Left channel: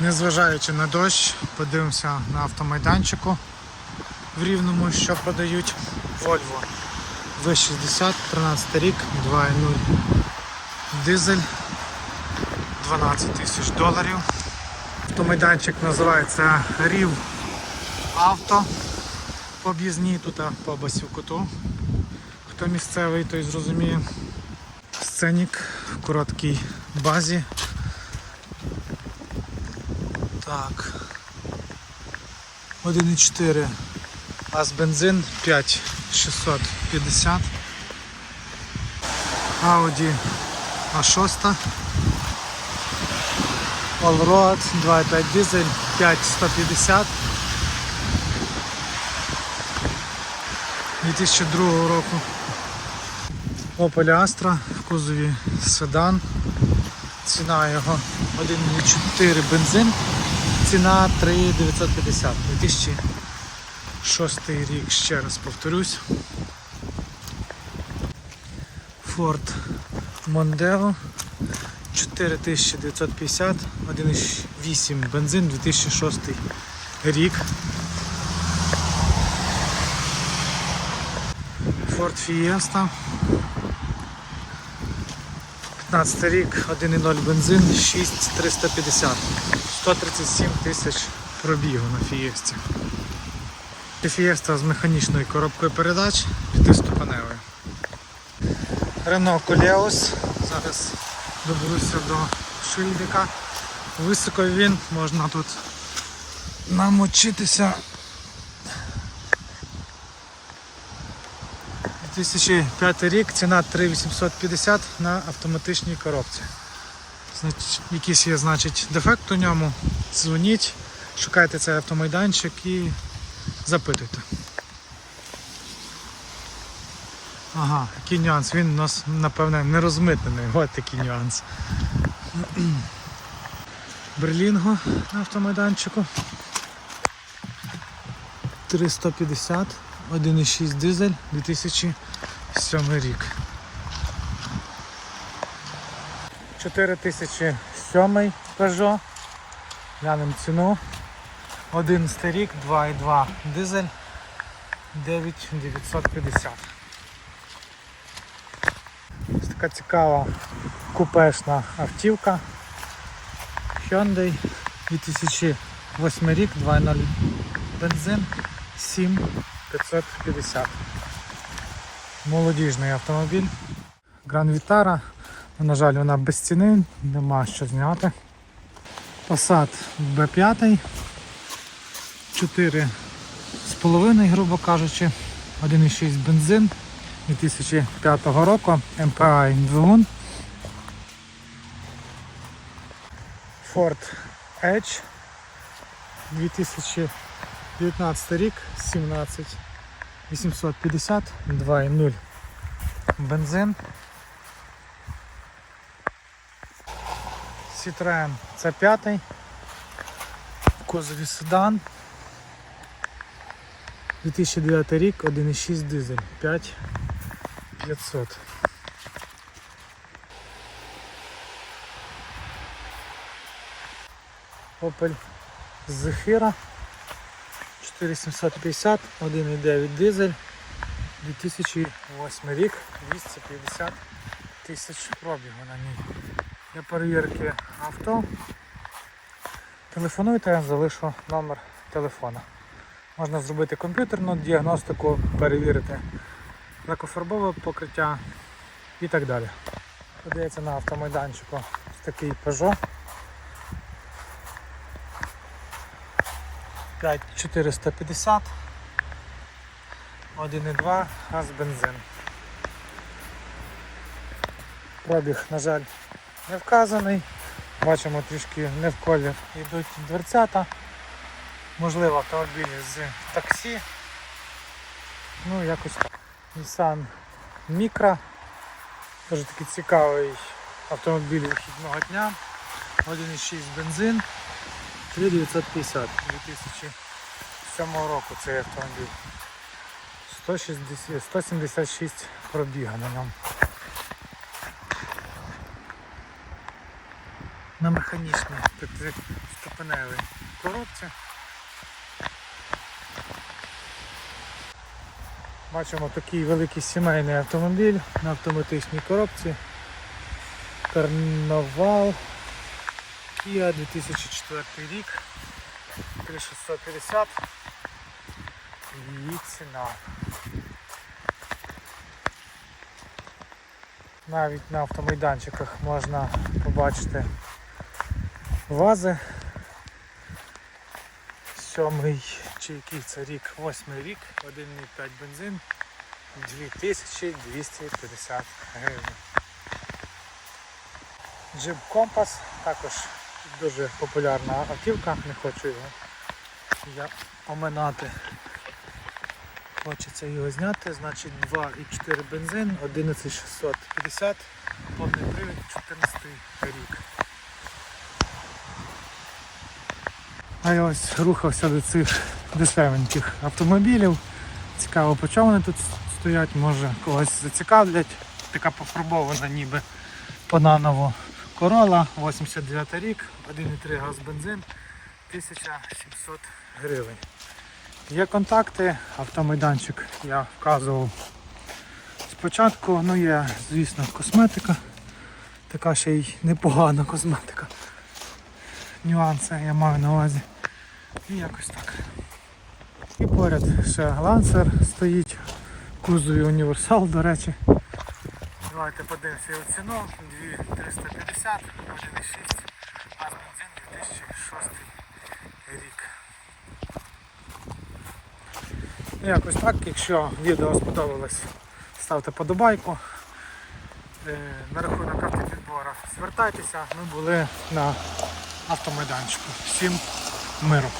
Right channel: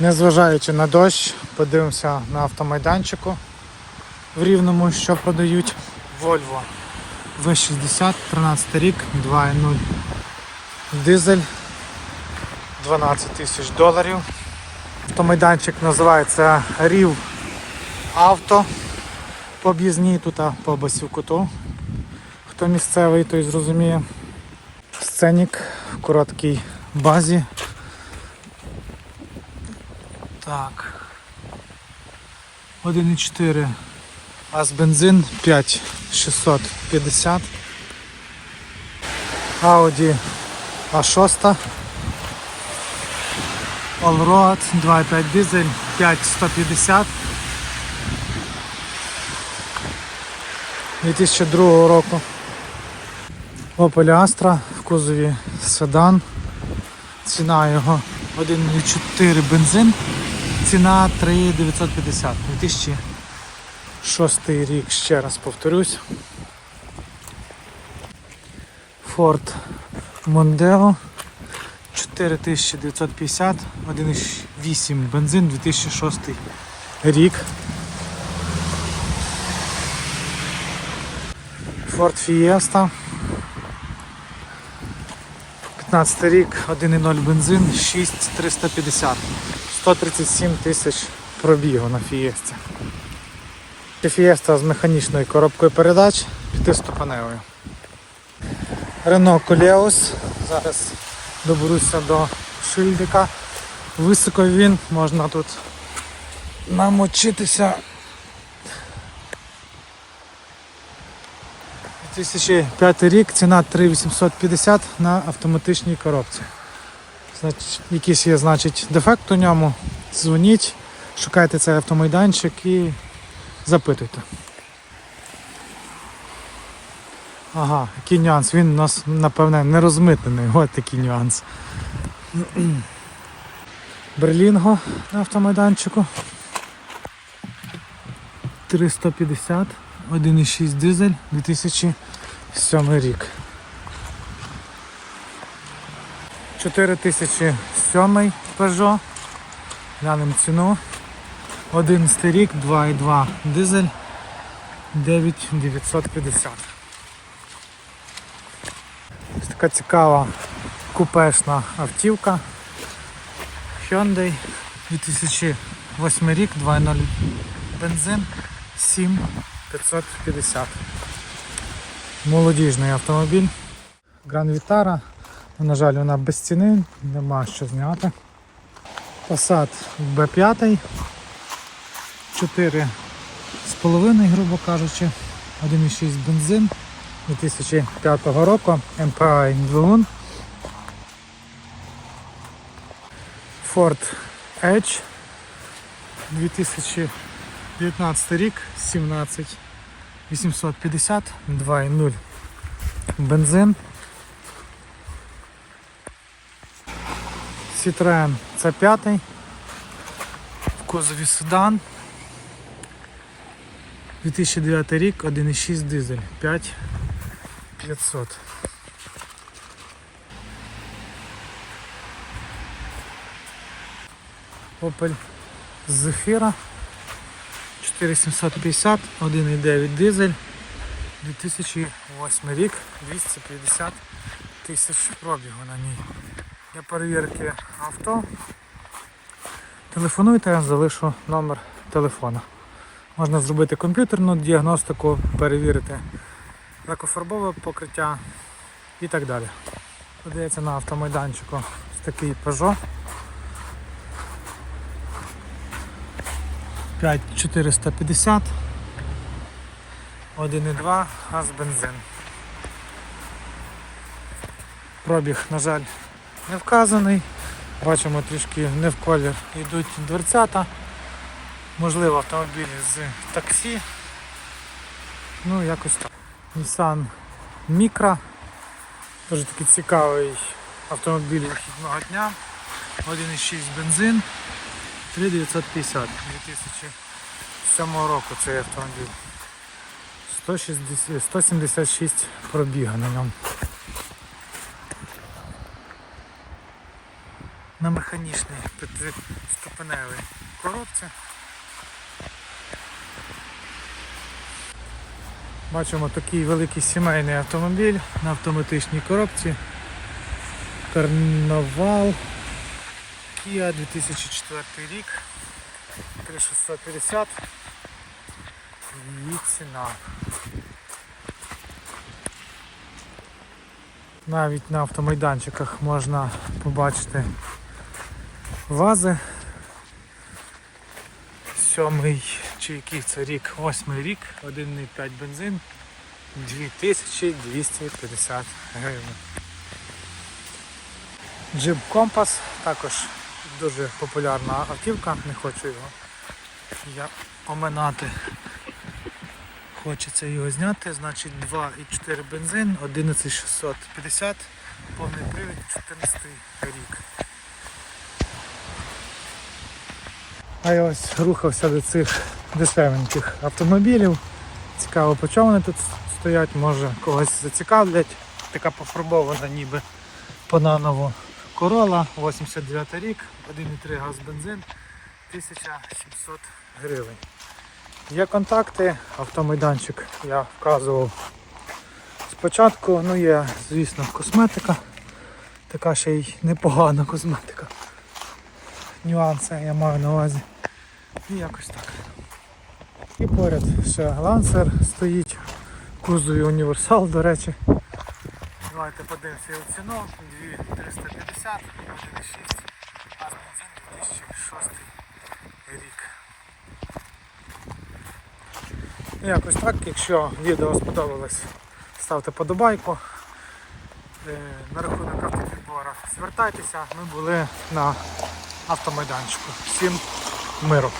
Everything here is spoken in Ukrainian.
Незважаючи на дощ, подивимося на автомайданчику в Рівному, що продають Volvo V60, 13 рік, 2.0 дизель 12 тисяч доларів. Автомайданчик називається Рів Авто. По об'їзній тут по Басівкуту. Хто місцевий, той зрозуміє. Сценік в короткій базі. Так. 1,4 газ бензин 5650. Audi А6. Allroad 2.5 дизель 5150. 2002 року. Opel Astra в кузові седан. Ціна його 1,4 бензин. Ціна 3,950. 2006 рік, ще раз повторюсь. Ford Mondeo 4950, 1,8 бензин 2006 рік. Ford Fiesta 15 рік, 1,0 бензин, 6350. 137 тисяч пробігу на Фієсті. Фієста з механічною коробкою передач, п'ятиступеневою. Renault Koleos. Зараз доберуся до шильдика. Високо він, можна тут намочитися. 2005 рік, ціна 3850 на автоматичній коробці. Значить, якийсь є значить, дефект у ньому. Дзвоніть, шукайте цей автомайданчик і запитуйте. Ага, який нюанс. Він у нас, напевне, не розмитнений. Ось такий нюанс. Берлінго на автомайданчику. 350, 1,6 дизель, 2007 рік. 4007 Peugeot. Глянемо ціну. 11 рік, 2,2 дизель, 9950. Ось така цікава купешна автівка. Hyundai 2008 рік, 2.0 бензин, 7550. Молодіжний автомобіль. Гран Вітара. На жаль, вона без ціни, нема що зняти. Passat B5. 4 з половиною, грубо кажучи, 1,6 бензин 2005 року, MPI двигун. Ford Edge 2019 рік, 17 850, 2,0 бензин. Citroen c 5 в кузові седан. 2009 рік, 1,6 дизель, 5500. Opel Zafira 4750, 1,9 дизель, 2008 рік, 250 тисяч пробігу на ній. Для перевірки авто телефонуйте, я залишу номер телефона. Можна зробити комп'ютерну діагностику, перевірити лакофарбове покриття і так далі. Подається на автомайданчику ось такий Peugeot 5450 1,2 газ бензин. Пробіг, на жаль, не вказаний. Бачимо трішки не в колір йдуть дверцята. Можливо автомобілі з таксі. Ну якось Nissan Micra. Дуже такий цікавий автомобіль одного дня. 1,6 бензин. 3950 2007 року цей автомобіль. 160, 176 пробіга на ньому. на механічній ступеневій коробці. Бачимо такий великий сімейний автомобіль на автоматичній коробці. Карнавал Kia 2004 рік. 3650 і ціна. Навіть на автомайданчиках можна побачити вази. Сьомий чи який це рік, восьмий рік, 1,5 бензин, 2250 гривень. Jeep Compass також дуже популярна автівка, не хочу його я оминати. Хочеться його зняти, значить 2,4 бензин, 11650, повний привід 14 рік. А я ось рухався до цих дешевеньких автомобілів. Цікаво, по чому вони тут стоять, може когось зацікавлять. Така пофарбована ніби по-наново Corolla, 89 рік, 1,3 газ бензин, 1700 гривень. Є контакти, автомайданчик я вказував спочатку, ну є, звісно, косметика, така ще й непогана косметика. Нюанси я маю на увазі. І якось так. І поряд ще лансер стоїть, кузові універсал, до речі. Давайте подивимося його ціну. 2350, 1,6, газ бензин 2006 рік. Ну, Якось так, якщо відео сподобалось, ставте подобайку. Е, На рахунок автопідбору звертайтеся, ми були на автомайданчику. Всім миру!